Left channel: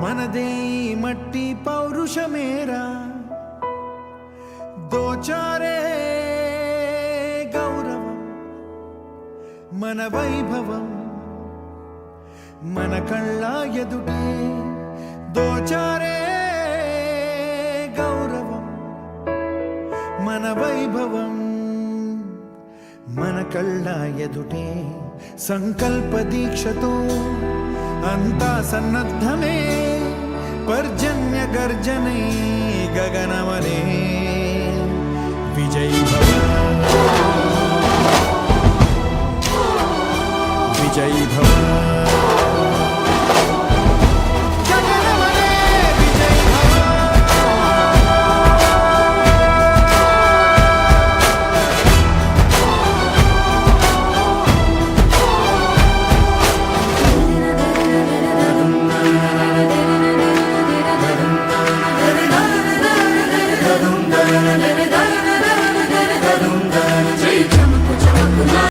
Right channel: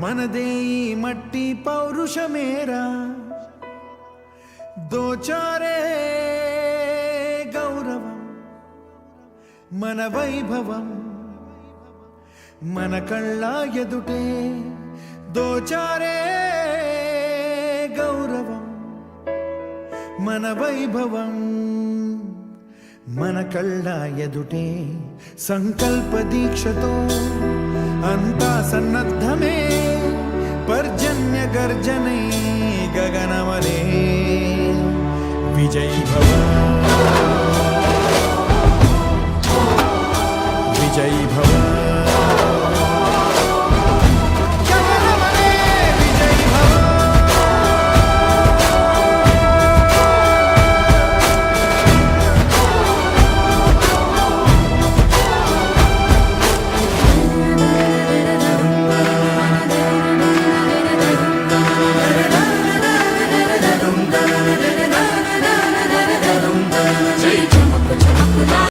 మనదే ఈ మట్టి పౌరుషమేరా దోచారే గౌరవం మన వైభవం మన కళ్ళ ఎదుటే దోచారే గౌరవం మన వైభవం మన కళ్ళ ఎదుటే సంకల్ప దీక్షతో అంతా సన్నద్ధమే పర్జన్య గర్జనై గగనమనే విజయీ భవ విజయీ భవ